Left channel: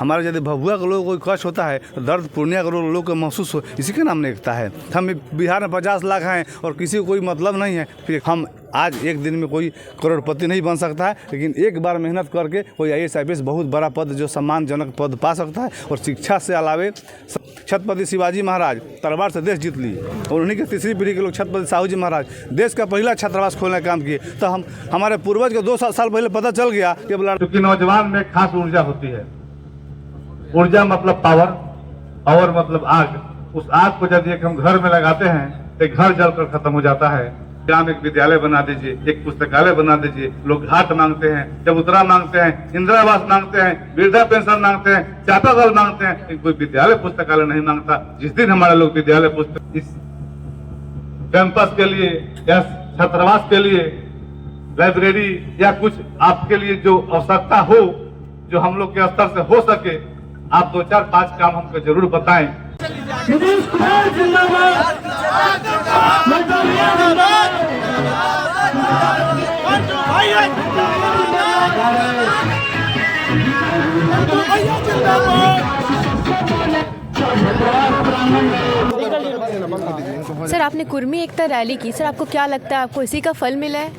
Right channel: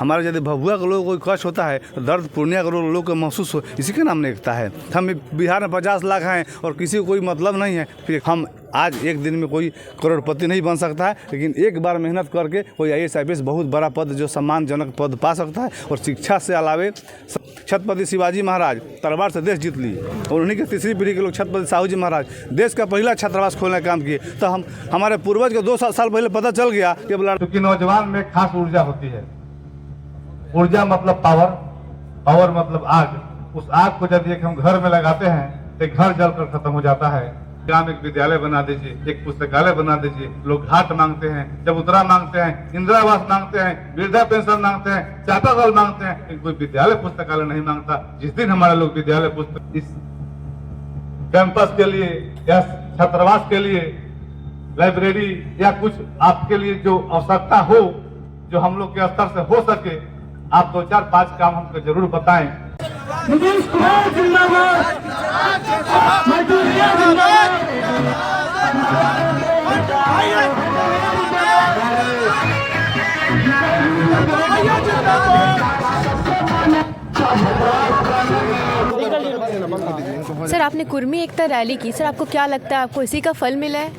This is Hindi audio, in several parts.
हमारे यदि भभुआ के लोगों को कोई कष्ट होता है तो दर्द पूर्णिया के लोग को महसूस हो, इसी के नाम ने एकता है। हम बिहार में 50 लाख हैं और किसी को कोई मतलब नहीं है। फिर हम आज एक दिन में कोई करोड़पति नहीं बन सकता है, लेकिन एक बार मेहनत करके कोई IAS IPS बहुत बड़ा पद जो सम्मानजनक पद पा सकता है। और शिक्षा से अलावे छत्रपति शिवाजी महाराज तलवार से देश जीत लिए और उन्हीं के तीसरी पीढ़ी के लोग छत्रपति साहू जी महाराज देश का पहला छात्रावास खोलने का काम किए। तो हमारे पूर्वज को 2 साल पहले पता चल गया कि क्योंकि नौजवान में खास ऊर्जा होती है। ऊर्जा मतलब पावर, पावर मतलब आग। उस आग को यदि हम घर में लगाते हैं तो घर जलकर खत्म हो जाता है। ग्राम एक विद्यालय बना दीजिए, एक पुस्तकालय बना दीजिए। लोग घाट मांगते हैं, चबूतरा मांगते हैं, इंदिरावास मांगते हैं, वृद्धा पेंशन मांगते हैं, चापाकल मांगते हैं, कोई विद्यालय पुस्तकालय नहीं मांगता। जिस दिन हमारे लोग विद्यालय पुस्तक इस कैंपस के लिए या छात्रावास के लिए लाइब्रेरी या कुछ आपके लिए जो आवश्यकता हो, जो हम लोग के स्तर से हो सके, आप 2-4-5 काम हमको जरूर बताएं। सर, आपने कुर्मी एकता रैली की, सर आपको क्या लगता है, आपको इसी का फल मिला है?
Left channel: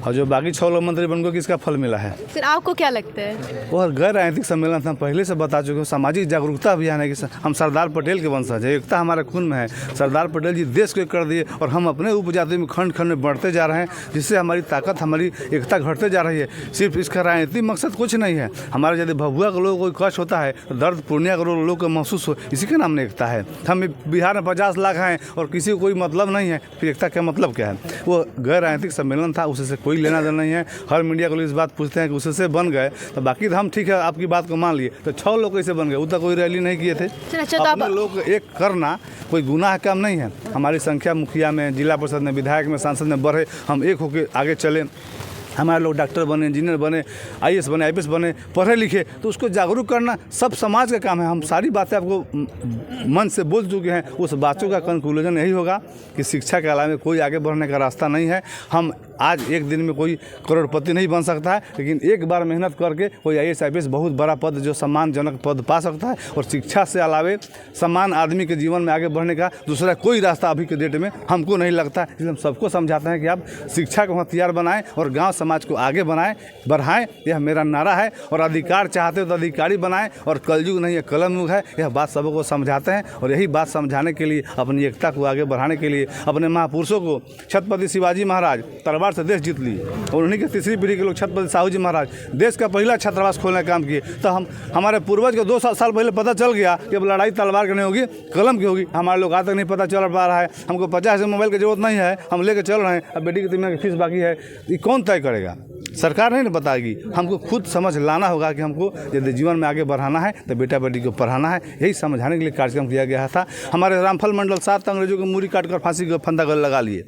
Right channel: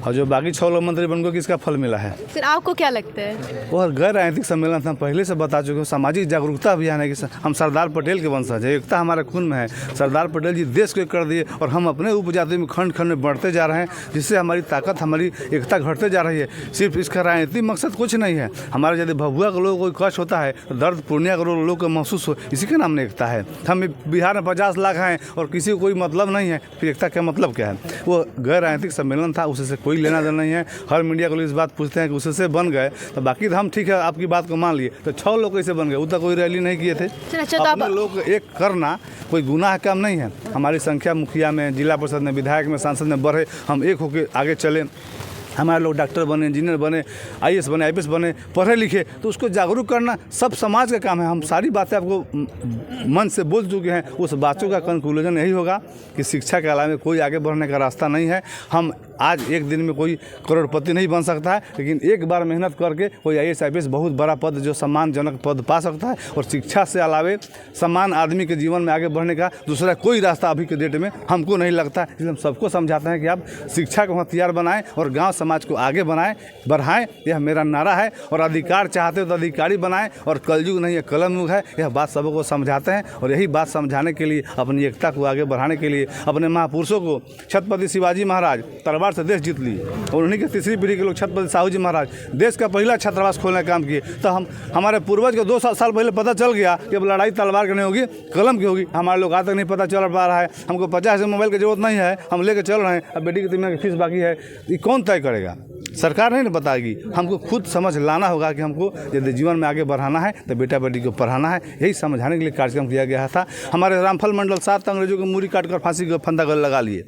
और जो बाकी 6 लोग मंत्री बन गए किसका फल मिला है? सर आपको क्या लगता है? वो गैर राजनीतिक सम्मेलन था, पहले से बता चुके हो। सामाजिक जागरूकता अभियान है कि हम सरदार पटेल के वंशज है, एकता हमारे खून में है। सरदार पटेल जी देश को एक कर दिए और हम अपने उपजाति में खंड खंड में बढ़ते जा रहे हैं, जिससे हमारी ताकत, हमारी एकता घटते जा रही है। सिर्फ इसका राजनीतिक मकसद कुछ नहीं है। हमारे यदि भभुआ के लोगों को कोई कष्ट होता है तो दर्द पूर्णिया के लोगों को महसूस हो, इसी के नाम ने एकता है। हम बिहार में 50 लाख हैं और किसी को कोई मतलब नहीं है। फिर एकता का मतलब क्या है? वो गैर राजनीतिक सम्मेलन था, उससे कोई लेना देना नहीं है। हर मीडिया को इस बात पूछते हैं कि उससे बन गए तो बाकी तो हम ठीक है, आपकी बात को मान लिए। तो 6 लोग कैसे बन गए? वो तो कोई रैली नहीं किए थे। अपने लोग एक करना कोई गुनाह काम नहीं है। हमारी संख्या मुखिया में, जिला परिषद में, विधायक में, सांसद में बढ़े, हम एक होकर आगे चले। हमारे लोग डॉक्टर बने, इंजीनियर बने, IAS बने, IPS बने, पढ़े लिखे, तो उसको जागरूक करना सब समाज का काम है। हम सारी बातें आपको मन से बोल चुके हैं। उस बातों का कंक्लूजन यही होगा कि शिक्षा के अलावा कोई आगे बढ़ने का रास्ता नहीं है। हम आज एक दिन में कोई करोड़पति नहीं बन सकता है, लेकिन एक बार मेहनत करके कोई IAS IPS बहुत बड़ा पद जो सम्मानजनक पद पा सकता है। और शिक्षा से अलावे समान आदमी के जीवन में आगे बढ़ने का दूसरा कोई रास्ता अभी के डेट में हमको नहीं लगता। इसलिए हम सबको समझाते हैं कि आप शिक्षा को हथियार बनाएं और गांव समाज को आगे बढ़ाएं। यह मेरा नारा है। और अधिकार चाहते हो तो अधिकारी बनाएं और कलयुग नहीं है कलम युग है। यह बात सबको समझाते हैं और यही बात समझाने के लिए, अपनी एकता को आगे बढ़ाने के लिए, अपने महापुरुषों को छत्रपति शिवाजी महाराज तलवार से देश जीत लिए और उन्हीं के तीसरी पीढ़ी के लोग छत्रपति साहू जी महाराज देश का पहला छात्रावास खोलने का काम किए। तो हमारे पूर्वज को 2 साल पहले पता चल गया कि अब लड़ाई तलवार की नहीं होगी, कलम की होगी। हमारे लोग आज तक नहीं पता चल पा रहा है। हमको 50 मोबाइल की जरूरत नहीं है, हम लेके चल रहे हैं। अब बेटी की 3 महीने की फीस बाकी है, ये कौन तय करेगा? सरकार नहीं ना बताएगी। हमको खुद समझ लाना होगा कि हमको यदि जीवन में आगे बढ़ाना है तो बेटा बेटी को पढ़ाना है। यही समझाने के लिए कार्यक्रम किया गया था। हमारे रामफल मंडल 7 अंग्रेजों को मूरी काट कर फांसी का फंदा गले लगा लिए।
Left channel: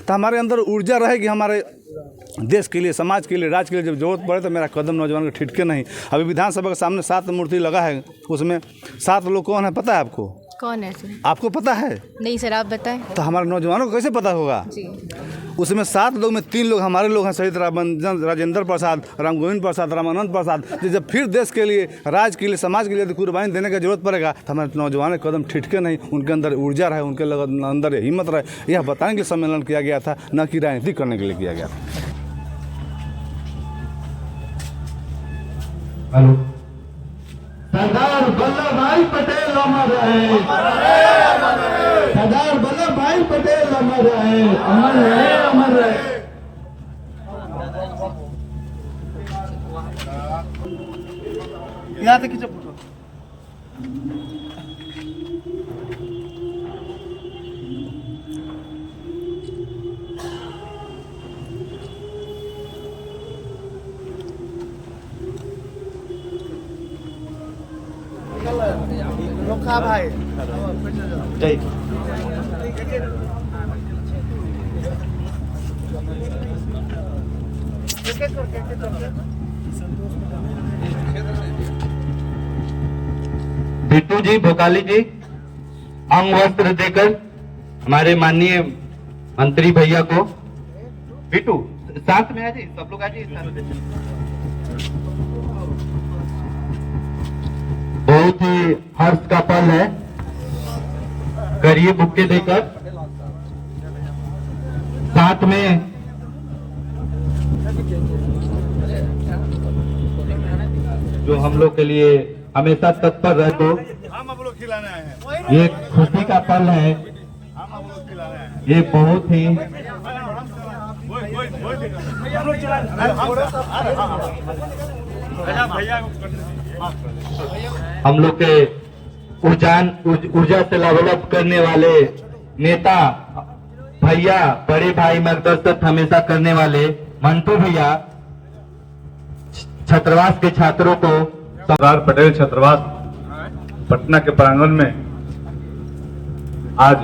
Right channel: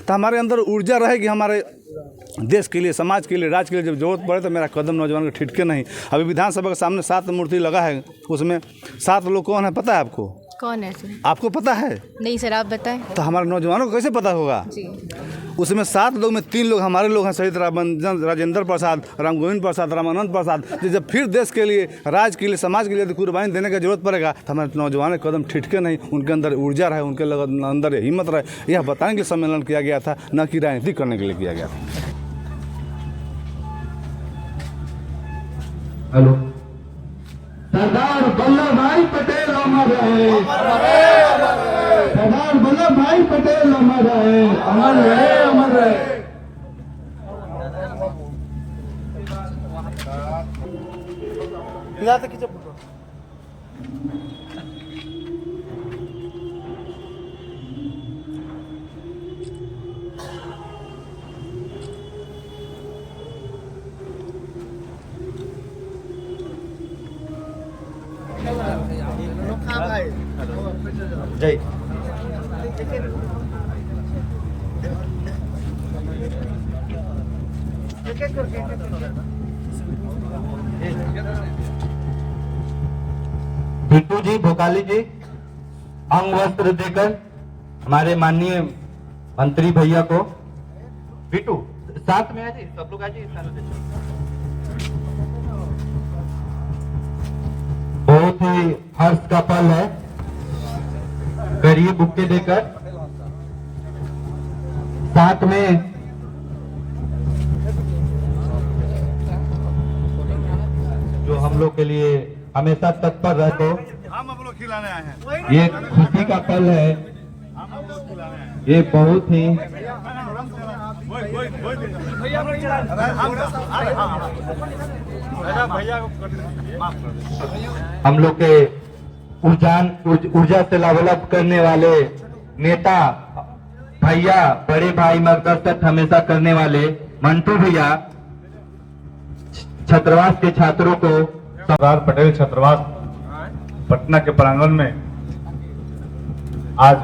तो हमारे अंदर ऊर्जा रहेगी, हमारे देश के लिए, समाज के लिए, राज्य के लिए जब जरूरत पड़े तो मेरा कदम नौजवान को ठिठके नहीं। अभी विधानसभा के सामने 7 मूर्ति लगा है, उसमें 7 लोग कौन है पता है आपको? कौन है सर? आपको पता है? नहीं सर, आप बताएं। तो हमारे नौजवानों को कैसे पता होगा जी? उसमें 7 लोग में 3 लोग हमारे लोग हैं, शहीद राजेंद्र प्रसाद, राम गोविंद प्रसाद, रामानंद प्रसाद। जब फिर देश के लिए, राज्य के लिए, समाज के लिए कुर्बानी देने की जरूरत पड़ेगा तो हमारे नौजवान कदम ठिठके नहीं। उनके अंदर ऊर्जा रहे, उनके अंदर हिम्मत रहे। यह बताने के लिए सम्मेलन किया गया था, न कि राजनीति करने के लिए किया गया था। हेलो, सरदार वल्लभ भाई पटेल अमर रहे, सरदार वल्लभ भाई पटेल अमर रहे, अमर रहे, अमर रहे। यहाँ तक खींचो। भाई जय बिट्टू जी, भोकाली जी, अंग वस्त्र देकर हमारे माननीय मंत्री भैया को। बिट्टू साथ में आ जी, सब लोग आ जी। बहुत ही हर्ष का पल है। करिए बुक्के देकर, साथ में जो हम लोग के लिए हमेशा तत्पर रहते हो, हम आप लोग खिलाने आए हैं, ये खुशी का पल है। हम आप लोग खिलाने आए हैं। ये बहुत ही हम लोग के ऊर्जा से डेवलप करने वाले नेता भैया, बड़े भाई मार्गदर्शक हमेशा करने वाले मंटू भैया, छात्रावास के छात्रों को सरदार पटेल छात्रावास पटना के प्रांगण में आज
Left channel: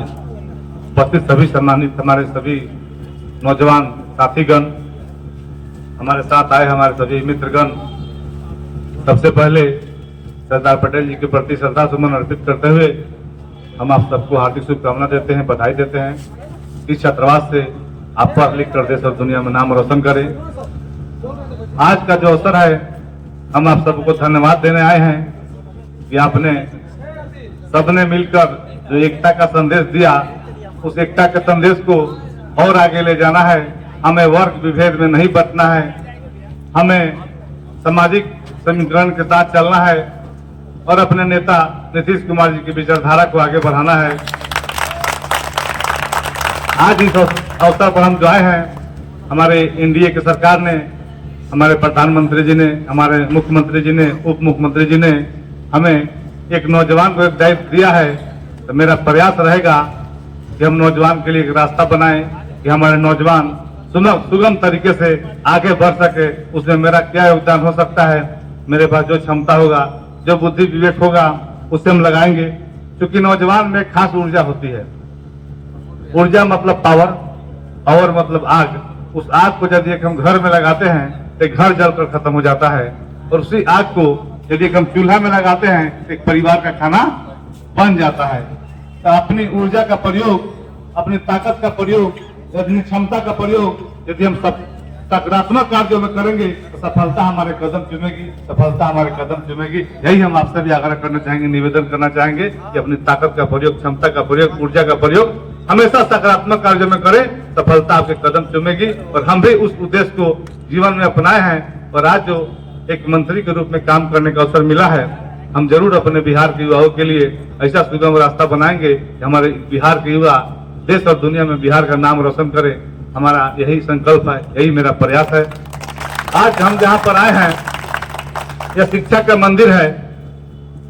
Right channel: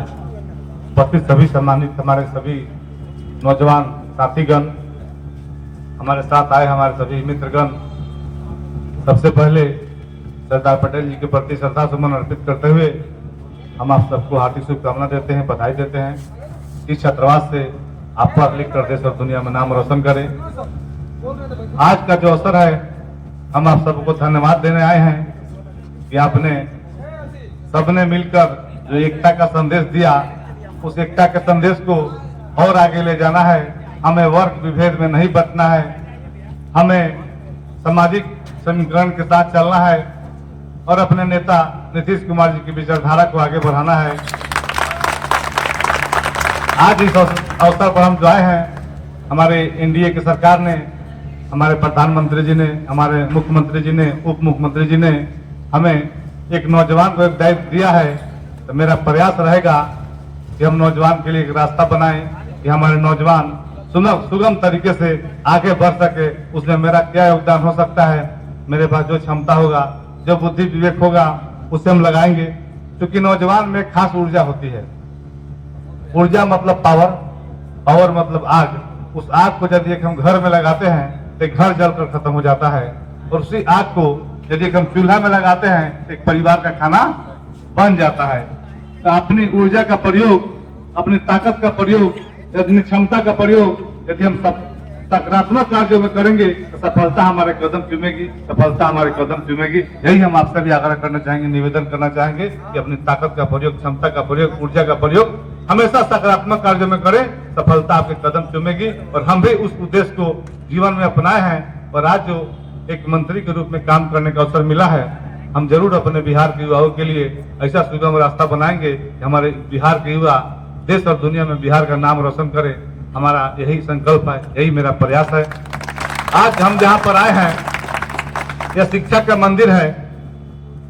उपस्थित सभी सम्मानित हमारे सभी नौजवान साथीगण, हमारे साथ आए हमारे सभी मित्रगण, सबसे पहले सरदार पटेल जी के प्रति श्रद्धा सुमन अर्पित करते हुए हम आप सबको हार्दिक शुभकामना देते हैं, बधाई देते हैं। इस छात्रावास से आप पढ़ लिख कर देश और दुनिया में नाम रोशन करें। आज का जो अवसर है, हम आप सबको धन्यवाद देने आए हैं कि आपने सबने मिलकर जो एकता का संदेश दिया, उस एकता के संदेश को और आगे ले जाना है। हमें वर्ग विभेद में नहीं बंटना है, हमें सामाजिक समीकरण के साथ चलना है और अपने नेता नीतीश कुमार जी की विचारधारा को आगे बढ़ाना है। आज इस अवसर पर हम जो आए हैं, हमारे एनडीए की सरकार ने, हमारे प्रधानमंत्री जी ने, हमारे मुख्यमंत्री जी ने, उप मुख्यमंत्री जी ने हमें एक नौजवान को एक दायित्व दिया है। तो मेरा प्रयास रहेगा कि हम नौजवान के लिए एक रास्ता बनाएं कि हमारे नौजवान सुगम तरीके से आगे बढ़ सके। उसमें मेरा क्या योगदान हो सकता है, मेरे पास जो क्षमता होगा, जो बुद्धि विवेक होगा, उसे हम लगाएंगे। क्योंकि नौजवान में खास ऊर्जा होती है। ऊर्जा मतलब पावर, पावर मतलब आग। उस आग को यदि हम घर में लगाते हैं तो घर जलकर खत्म हो जाता है, और उसी आग को यदि हम चूल्हा में लगाते हैं, एक परिवार का खाना बन जाता है। तो अपनी ऊर्जा का प्रयोग, अपनी ताकत का प्रयोग, अपनी क्षमता का प्रयोग यदि हम सकारात्मक कार्यों में करेंगे तो सफलता हमारे कदम चूमेगी, सफलता हमारे कदम चूमेगी। यही हम आपसे भी आग्रह करना चाहेंगे, निवेदन करना चाहेंगे कि अपनी ताकत का प्रयोग, क्षमता का प्रयोग, ऊर्जा का प्रयोग हमेशा सकारात्मक कार्यों में करें, सफलता आपके कदम चूमेगी। और हम भी उस उद्देश्य को जीवन में अपनाए हैं, और आज जो एक मंत्री के रूप में काम करने का अवसर मिला है, हम जरूर अपने बिहार के युवाओं के लिए ऐसा सुगम रास्ता बनाएंगे कि हमारे बिहार के युवा देश और दुनिया में बिहार का नाम रोशन करे। हमारा यही संकल्प है, यही मेरा प्रयास है। आज हम जहाँ पर आए हैं, यह शिक्षा का मंदिर है,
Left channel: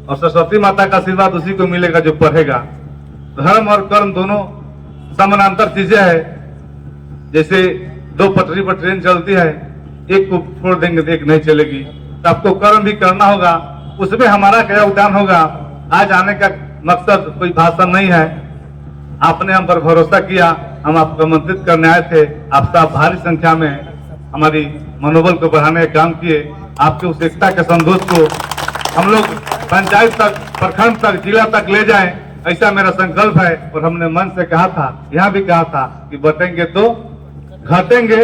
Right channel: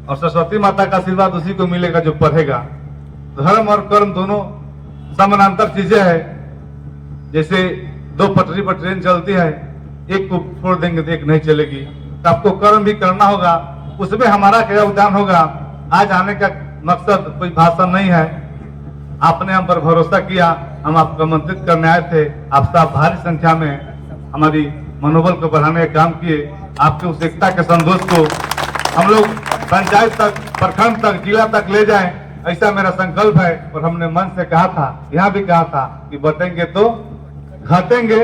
और सरस्वती माता का आशीर्वाद उसी को मिलेगा जो पढ़ेगा। धर्म और कर्म दोनों समानांतर चीजें हैं। जैसे दो पटरी पर ट्रेन चलती है, एक को छोड़ देंगे तो एक नहीं चलेगी। तो आपको कर्म भी करना होगा, उसमें हमारा क्या योगदान होगा। आज आने का मकसद कोई भाषण नहीं है, आपने हम पर भरोसा किया, हम आपको आमंत्रित करने आए थे। आप सब भारी संख्या में हमारी मनोबल को बढ़ाने का काम किए। आपके उस एकता के संदेश को हम लोग पंचायत तक, प्रखंड तक, जिला तक ले जाएं, ऐसा मेरा संकल्प है। और हमने मन से कहा था, यहाँ भी कहा था कि बटेंगे तो घटेंगे,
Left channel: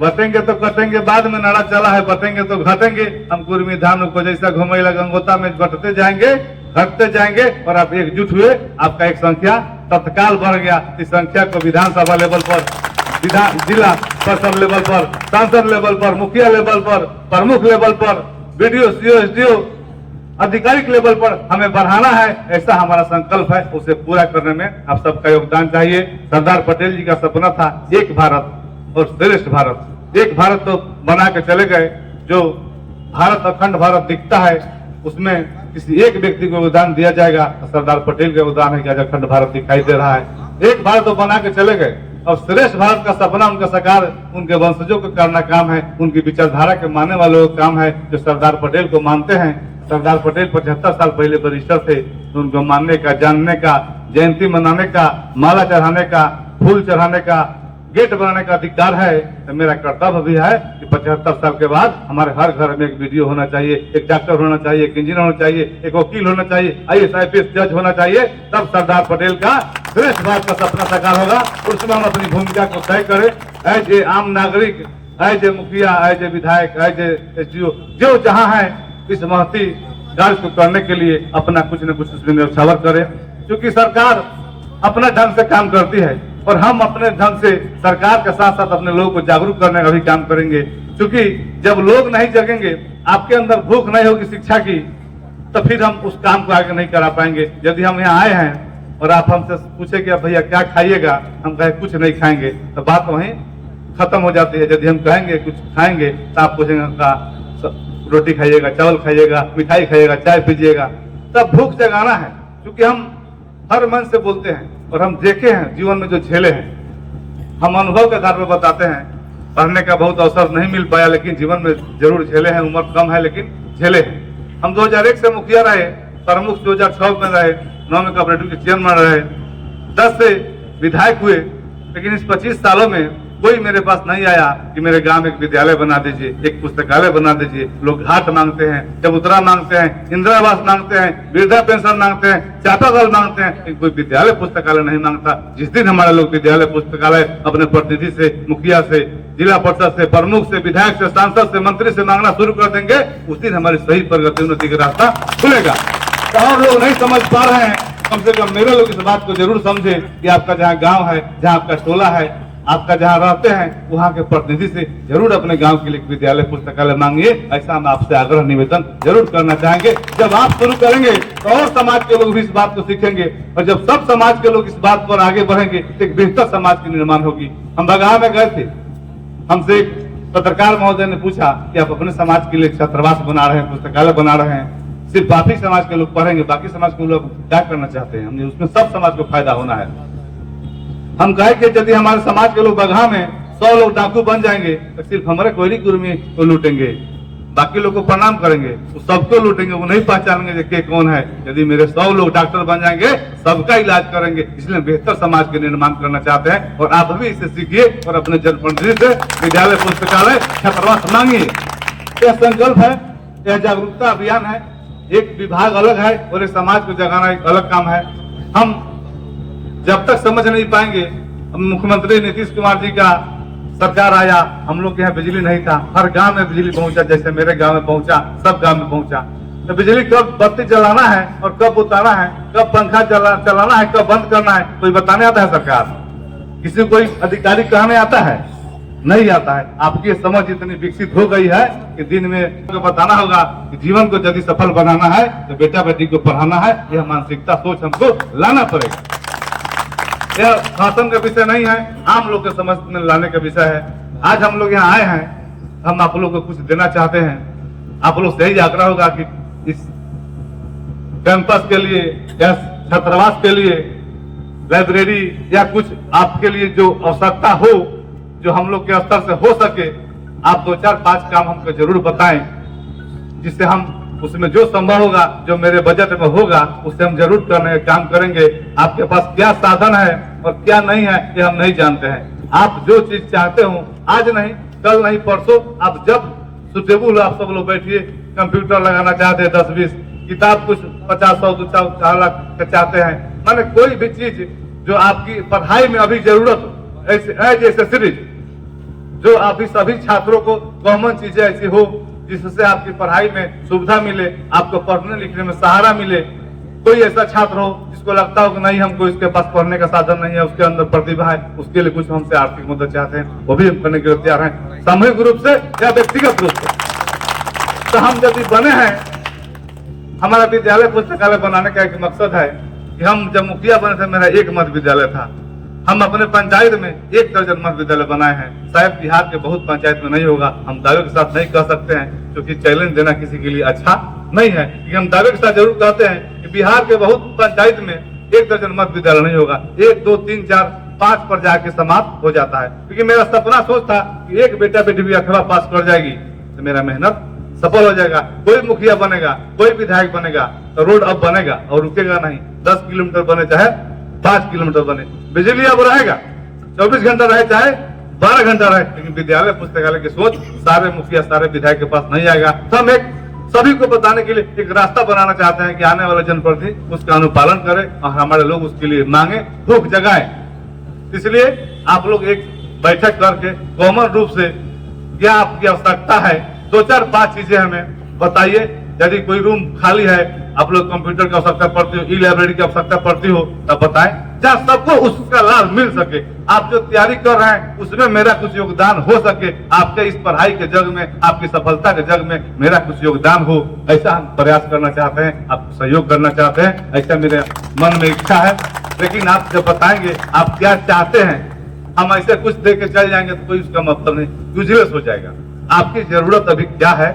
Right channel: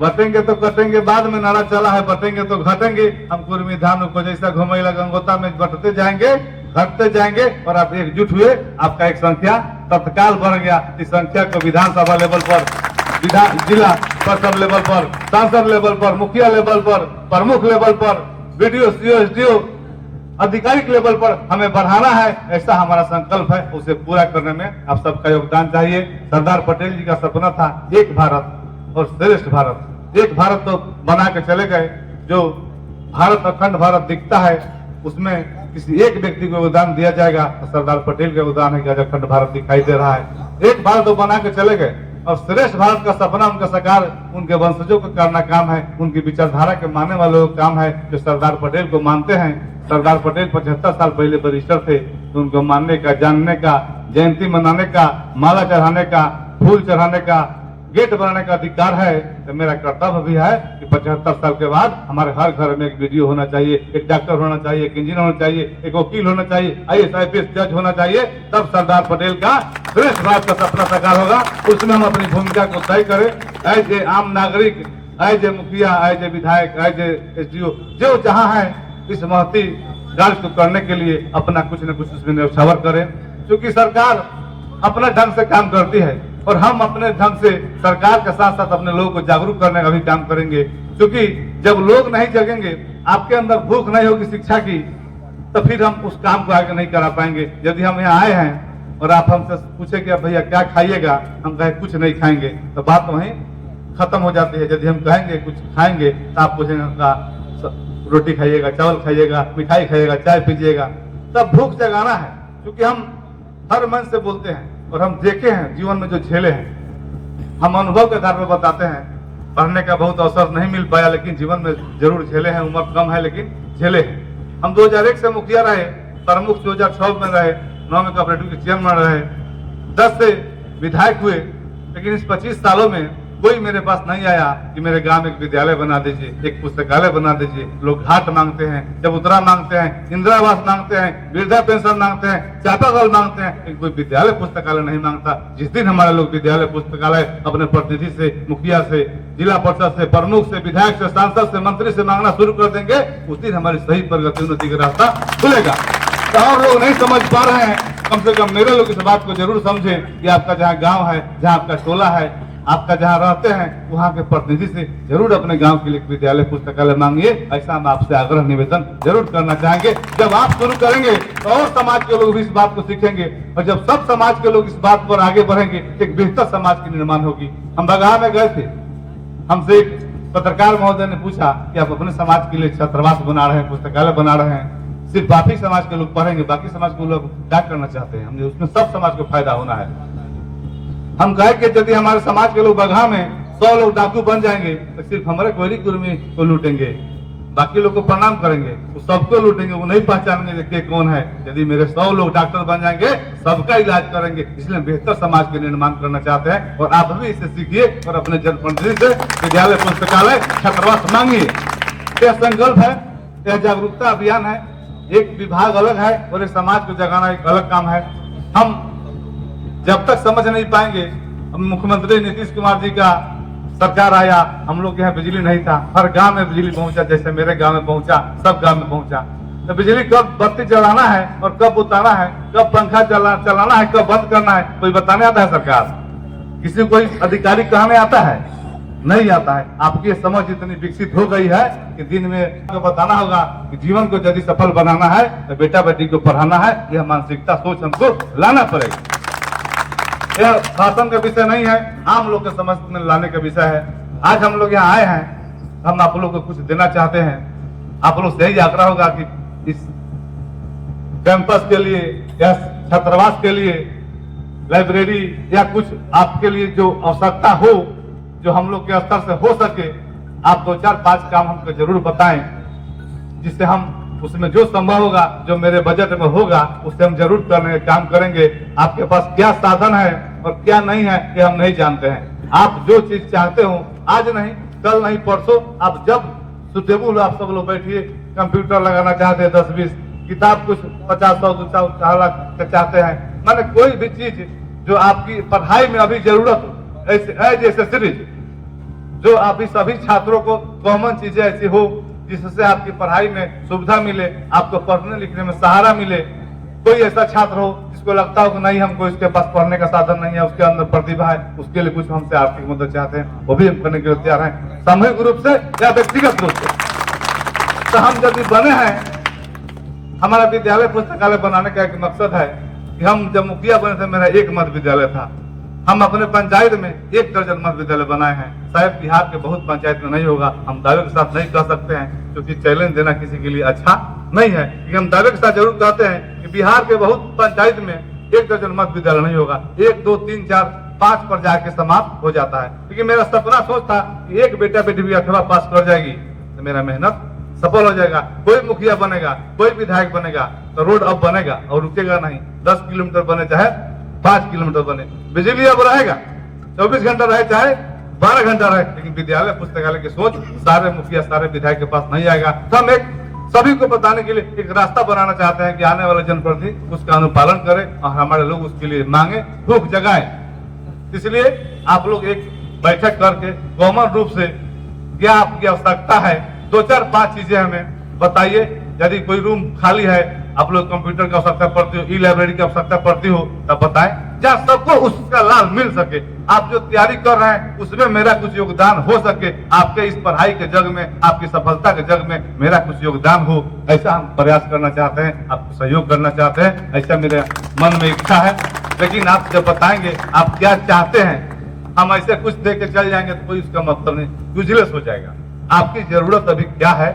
बटेंगे तो कटेंगे। बाद में नारा चला है बटेंगे तो घटेंगे। हम कुर्मी धान को जैसा घुमैला गंगोता में बटते जाएंगे, घटते जाएंगे, और आप एकजुट हुए, आपका एक संख्या तत्काल बढ़ गया। इस संख्या को विधानसभा लेवल पर, जिला परिषद लेवल पर, सांसद लेवल पर, मुखिया लेवल पर, प्रमुख लेवल पर, बीडीओ, सीओ, एसडीओ, आधिकारिक लेवल पर हमें बढ़ाना है। ऐसा हमारा संकल्प है, उसे पूरा करने में आप सबका योगदान चाहिए। सरदार पटेल जी का सपना था एक भारत और श्रेष्ठ भारत। एक भारत तो बना के चले गए, जो भारत अखंड भारत दिखता है उसमें किसी एक व्यक्ति को योगदान दिया जाएगा। सरदार पटेल का योगदान है कि आज अखंड भारत दिखाई दे रहा है। एक भारत तो बना के चले गए, और श्रेष्ठ भारत का सपना उनका साकार उनके वंशजों को करना काम है, उनकी विचारधारा के मानने वालों का काम है, जो सरदार पटेल को मानते हैं। सरदार पटेल 75 साल पहले बैरिस्टर थे, तो उनको मानने का, जानने का, जयंती मनाने का, माला चढ़ाने का, फूल चढ़ाने का, गेट बनाने का अधिकार है। तो मेरा कर्तव्य भी है कि 75 साल के बाद हमारे हर घर में एक वीडियो होना चाहिए, एक डॉक्टर होना चाहिए, एक इंजीनियर होना चाहिए, एक वकील होना चाहिए, IAS IPS जज होना चाहिए। तब सरदार पटेल का श्रेष्ठ भारत का सपना साकार होगा। उसमें हम अपनी भूमिका को तय करें, एज ए आम नागरिक, एज ए मुखिया, एज ए विधायक, एज ए SDO, जो जहाँ है इस महती कार्य को करने के लिए अपना कुछ न कुछ उसमें न्यौछावर करें, क्योंकि सरकार अपना ढंग से काम करती है और हम अपने ढंग से सरकार के साथ साथ अपने लोगों को जागरूक करने का भी काम करेंगे। क्योंकि जब लोग नहीं जगेंगे, आपके अंदर भूख नहीं होगी शिक्षा की, तो फिर हम उस काम को आगे नहीं करा पाएंगे। यदि हम यहाँ आए हैं और आप हमसे पूछे कि भैया क्या खाइएगा, हम कहे कुछ नहीं खाएंगे, तो बात वहीं खत्म हो जाती है। यदि हम कहेंगे कुछ खाएंगे तो आप पूछेंगे रोटी खाइएगा, चावल खाइएगा, मिठाई खाइएगा, चाय पीजिएगा, तब भूख जगाना है। क्योंकि हम हर मन से बोलते हैं और हम देखे हैं जीवन में जो झेले हैं, हम अनुभव के आधार पर बताते हैं। पढ़ने का बहुत अवसर नहीं मिल पाया, लेकिन जीवन में जरूर झेले हैं। उम्र कम है लेकिन झेले हैं। हम 2001 से मुखिया रहे, प्रमुख 2006 में रहे, 9 में कोऑपरेटिव के चेयरमैन रहे, 10 से विधायक हुए। लेकिन इस 25 सालों में कोई मेरे पास नहीं आया कि मेरे गांव में एक विद्यालय बना दीजिए, एक पुस्तकालय बना दीजिए। लोग घाट मांगते हैं, चबूतरा मांगते हैं, इंदिरा आवास मांगते हैं, वृद्धा पेंशन मांगते हैं, चाटा दल मांगते हैं, कोई विद्यालय पुस्तकालय नहीं मांगता। जिस दिन हमारे लोग विद्यालय पुस्तकालय अपने प्रतिनिधि से, मुखिया से, जिला परिषद से, प्रमुख से, विधायक से, सांसद से, मंत्री से मांगना शुरू कर देंगे, उस दिन हमारी सही प्रगति उन्नति का रास्ता खुलेगा। तो हम लोग नहीं समझ पा रहे हैं, कम से कम मेरे लोग इस बात को जरूर समझे कि आपका जहाँ गाँव है, जहाँ आपका टोला है, आपका जहाँ रहते हैं, वहाँ के प्रतिनिधि से जरूर अपने गांव के लिए विद्यालय पुस्तकालय मांगिए। ऐसा हम आपसे आग्रह निवेदन जरूर करना चाहेंगे। जब आप शुरू करेंगे तो और समाज के लोग भी इस बात को सीखेंगे, और जब सब समाज के लोग इस बात पर आगे बढ़ेंगे, एक बेहतर समाज की निर्माण होगी। हम बगहा में गए थे, हमसे एक पत्रकार महोदय ने पूछा कि आप अपने समाज के लिए छात्रावास बना रहे हैं, पुस्तकालय बना रहे हैं, सिर्फ आप ही समाज के लोग पढ़ेंगे, बाकी समाज के लोग क्या करना चाहते हैं? हमने उसमें सब समाज को फायदा होना है। हम कहे कि यदि हमारे समाज के लोग बगहा में 100 लोग डाकू बन जाएंगे, तो सिर्फ हमारे कोयली कुर्मी को लूटेंगे, बाकी लोग को प्रणाम करेंगे, वो सबको लूटेंगे, वो नहीं पहचानेंगे कि कौन है। यदि मेरे 100 लोग डॉक्टर बन जाएंगे, सबका इलाज करेंगे। इसलिए बेहतर समाज के निर्माण करना चाहते हैं, और आप भी इसे सीखिए और अपने जनप्रतिनिधि से विद्यालय पुस्तकालय छात्रावास मांगिए। यह संकल्प है, यह जागरूकता अभियान है। एक विभाग अलग है और एक समाज को जगाना एक अलग काम है। हम जब तक समझ नहीं पाएंगे, मुख्यमंत्री नीतीश कुमार जी का सरकार आया, हम लोग के यहाँ बिजली नहीं था, हर गांव में बिजली पहुंचा, जैसे मेरे गांव में पहुंचा, सब गांव में पहुंचा। तो बिजली कब बत्ती जलाना है और कब उतारना है, कब पंखा चलाना है, कब बंद करना है, कोई बताने आता है? सरकार किसी कोई अधिकारी कहने आता है? नहीं आता है। आपकी समझ इतनी विकसित हो गई है कि दिन में बताना होगा कि जीवन को यदि सफल बनाना है तो बेटा बेटी को पढ़ाना है। यह मानसिकता सोच हमको लाना पड़ेगा। यह शासन का विषय नहीं है, आम लोग के समझ में लाने का विषय है। आज हम लोग यहाँ आए हैं, हम आप लोग को कुछ देना चाहते हैं। आप लोग से यही आग्रह होगा कि इस कैंपस के लिए या छात्रावास के लिए लाइब्रेरी या कुछ आपके लिए जो आवश्यकता हो, जो हम लोग के स्तर से हो सके, आप 2-4-5 काम हमको जरूर बताएं, जिससे हम उसमें जो संभव होगा, जो मेरे बजट में होगा, उससे हम जरूर करने का काम करेंगे। आपके पास क्या साधन है और क्या नहीं है, ये हम नहीं जानते हैं। आप जो चीज चाहते हो, आज नहीं, कल नहीं, परसों, आप जब सुटेबल आप सब लोग बैठिए। कंप्यूटर लगाना चाहते हैं 10-20, किताब कुछ 50-100-4 लाख का चाहते हैं, माने कोई भी चीज जो आपकी पढ़ाई में अभी जरूरत हो, ऐसे सीरीज जो आप सभी छात्रों को कॉमन चीजें ऐसी हो जिससे आपकी पढ़ाई में सुविधा मिले, आपको पढ़ने लिखने में सहारा मिले। कोई ऐसा छात्र हो जिसको लगता हो कि नहीं, हमको इसके पास पढ़ने का साधन नहीं है, उसके अंदर प्रतिभा है, उसके लिए कुछ हमसे आर्थिक मदद चाहते हैं, वो भी हम करने के लिए तैयार हैं, सामूहिक रूप से या व्यक्तिगत रूप से। तो हम यदि बने हैं, हमारा विद्यालय पुस्तकालय बनाने का एक मकसद है कि हम जब मुखिया बने थे, मेरा एक मध्य विद्यालय था। हम अपने पंचायत में 1 दर्जन मध्य विद्यालय बनाए हैं। शायद बिहार के बहुत पंचायत में नहीं होगा, हम दावे के साथ नहीं कह सकते हैं, क्योंकि चैलेंज देना किसी के लिए अच्छा नहीं है, लेकिन हम दावे के साथ जरूर कहते हैं कि बिहार के बहुत पंचायत में 1 दर्जन मध्य विद्यालय नहीं होगा, 1, 2, 3, 4, 5 पर जाके समाप्त हो जाता है। क्योंकि मेरा सपना सोच था कि एक बेटा बेटी भी 8वां पास कर जाएगी तो मेरा मेहनत सफल हो जाएगा। कोई मुखिया बनेगा, कोई विधायक बनेगा तो रोड अब बनेगा और रुकेगा नहीं। 10 किलोमीटर बने चाहे 5 किलोमीटर बने, बिजली अब रहेगा, 24 घंटा रहे चाहे 12 घंटा रहे, लेकिन विद्यालय पुस्तकालय की सोच सारे मुखिया सारे विधायक के पास नहीं आएगा। तो हम एक सभी को बताने के लिए एक रास्ता बनाना चाहते हैं कि आने वाले जनप्रतिनिधि उसका अनुपालन करें और हमारे लोग उसके लिए मांगे, भूख जगाएं। इसलिए आप लोग एक बैठक करके कॉमन रूप से क्या आपकी आवश्यकता है, 2-4-5 चीजें हमें बताइए, यदि कोई रूम खाली है, आप लोग कंप्यूटर की आवश्यकता पड़ती हो, ई लाइब्रेरी की आवश्यकता पड़ती हो, तब बताएं, जहाँ सबको उसका लाभ मिल सके। आप जो तैयारी कर रहे हैं उसमें मेरा कुछ योगदान हो सके, आपके इस पढ़ाई के जग में, आपकी सफलता के जग में मेरा कुछ योगदान हो, ऐसा हम प्रयास करना चाहते हैं, आपको सहयोग करना चाहते हैं, ऐसा मेरे मन में इच्छा है। लेकिन आप जब बताएंगे आप क्या चाहते हैं, हम ऐसे कुछ दे के चल जाएंगे तो कोई उसका मतलब नहीं, यूजलेस हो जाएगा। आपकी जरूरत अभी क्या है,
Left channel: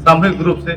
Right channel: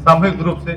सामूहिक रूप से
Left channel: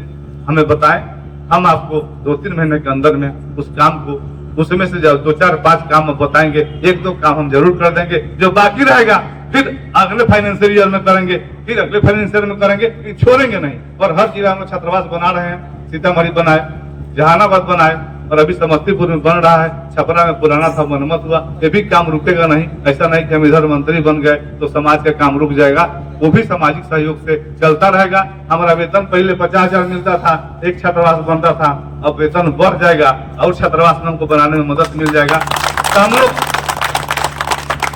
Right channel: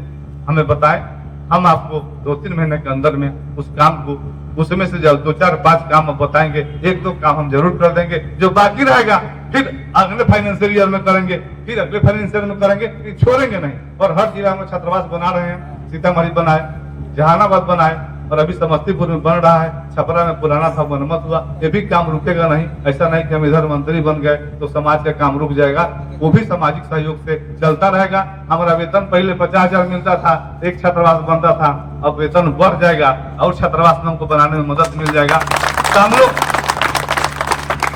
हमें बताएं, हम आपको 2-3 महीने के अंदर में उस काम को, उसमें से जब 2-4-5 काम हम बताएंगे, 1-2 काम हम जरूर कर देंगे, जो बाकी रहेगा फिर अगले फाइनेंशियल ईयर में करेंगे, फिर अगले फाइनेंशियल में करेंगे, ये छोड़ेंगे नहीं। और हर जिला में छात्रावास बना रहे हैं, सीतामढ़ी बनाए, जहानाबाद बनाए, और अभी समस्तीपुर में बन रहा है, छपरा में पुराना था मनमत हुआ, ये भी काम रुकेगा नहीं। ऐसा नहीं कि हम इधर मंत्री बन गए तो समाज का काम रुक जाएगा, वो भी सामाजिक सहयोग से चलता रहेगा। हमारा वेतन पहले 50,000 मिलता था, एक छात्रावास बनता था, अब वेतन बढ़ जाएगा और छात्रावास हमको बनाने में मदद मिल जाएगा। तो हम लोग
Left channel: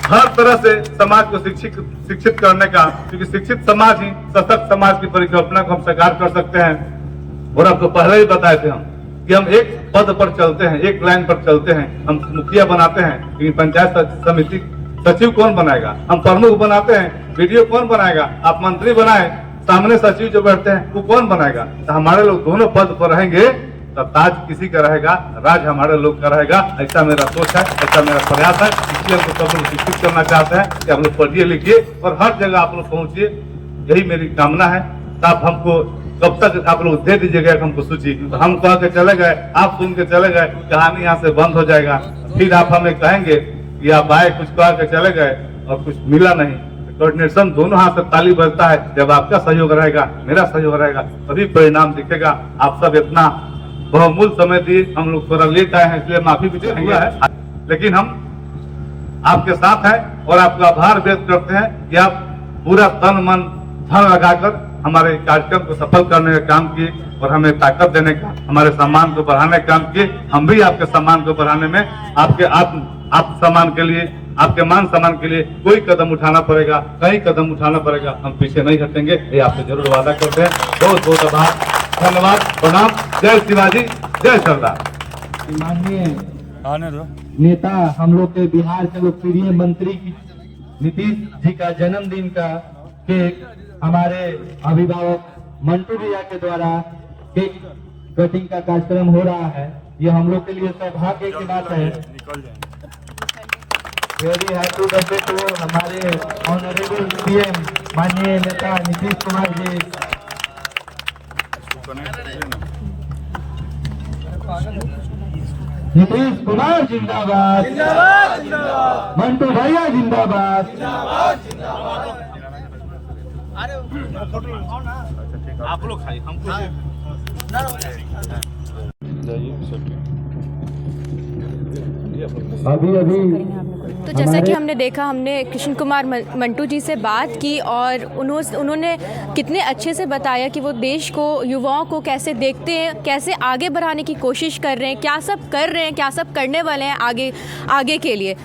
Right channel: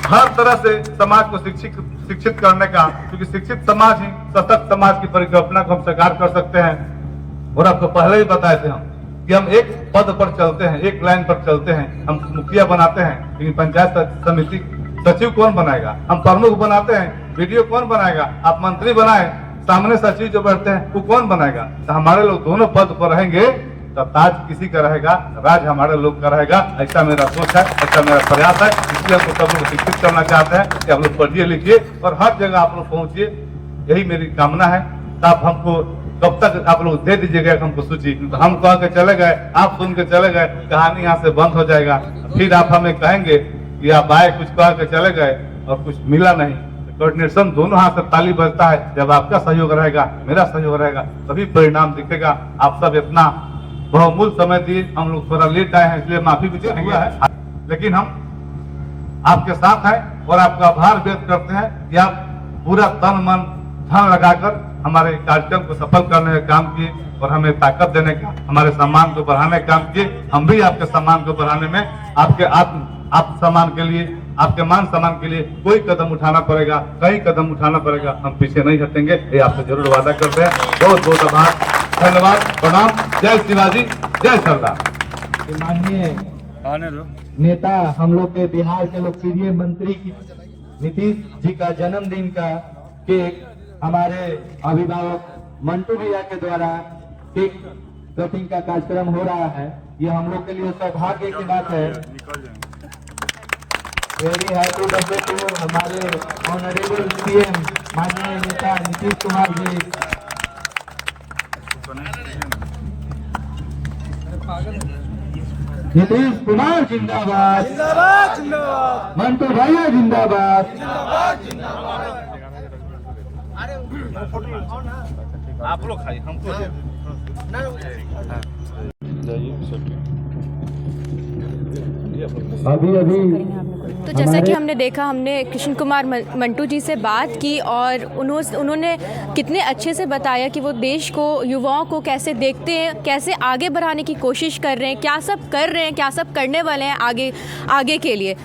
हर तरह से समाज को शिक्षित करने का, क्योंकि शिक्षित समाज ही सशक्त समाज की परिकल्पना को हम साकार कर सकते हैं। और आपको पहले ही बताए थे हम कि हम एक पद पर चलते हैं, एक लाइन पर चलते हैं, हम मुखिया बनाते हैं, लेकिन पंचायत समिति सचिव कौन बनाएगा, हम प्रमुख बनाते हैं, वीडियो कौन बनाएगा, आप मंत्री बनाए, सामने सचिव जो बैठते हैं वो कौन बनाएगा। तो हमारे लोग दोनों पद पर रहेंगे, तब ताज किसी का रहेगा, राज हमारे लोग का रहेगा। ऐसा मेरा सोच है, ऐसा मेरा प्रयास है। इसलिए हम सब लोग शिक्षित करना चाहते हैं कि आप लोग पढ़िए लिखिए और हर जगह आप लोग पहुंचिए, यही मेरी कामना है। तो आप हमको कब तक आप लोग दे दीजिएगा हमको सूची, तो हम कह के चले गए, आप सुन के चले गए, कहानी यहाँ से बंद हो जाएगा। फिर आप हमें कहेंगे कि आप आए, कुछ कह के चले गए और कुछ मिला नहीं। कोऑर्डिनेशन दोनों हाथ से ताली बजता है, जब आपका सहयोग रहेगा, मेरा सहयोग रहेगा, तभी परिणाम दिखेगा। आप सब इतना बहुमूल्य समय दिए, हम लोग थोड़ा लेट आए हैं इसलिए माफी भी चाहेंगे, लेकिन हम आपके साथ हैं और आपका आभार व्यक्त करते हैं कि आप पूरा तन मन धन लगाकर हमारे कार्यक्रम को सफल करने का काम किए और हमें ताकत देने का, हमारे सम्मान को बढ़ाने का काम किए। हम भी आपके सम्मान को बढ़ाने में, आपके आत्म सम्मान के लिए, आपके मान सम्मान के लिए कोई कदम उठाना पड़ेगा, कई कदम उठाना पड़ेगा, हम पीछे नहीं हटेंगे, ये आपसे जरूर वादा करते हैं। बहुत बहुत आभार, धन्यवाद, प्रणाम, जय शिवाजी, जय सरदार। माननीय नेता, हम लोग के बिहार के लोकप्रिय मंत्री नीतीश जी का जन्मदिन का केक हमारे अभिभावक मंटू भैया के द्वारा केक कटिंग का कार्यक्रम हो रहा है। ये हम लोग के लिए सौभाग्य की बात है। वेरी हैप्पी बर्थडे टू हमारे ऑनरेबल सीएम माननीय नेता नीतीश कुमार जी। नीतीश कुमार जिंदाबाद, मंटू भैया जिंदाबाद। आप लोग खाइए, हमको अभी तो जैसा कि हमने देखा, हमने कृष्ण कुमार मंटू जी से बात की और उन्होंने कितने अच्छे से बताया कि वो देश को, युवाओं को कैसे देखते हैं, कैसे आगे बढ़ाने की कोशिश कर रहे हैं, क्या सब कर रहे हैं, क्या सब करने वाले हैं आगे के लिए।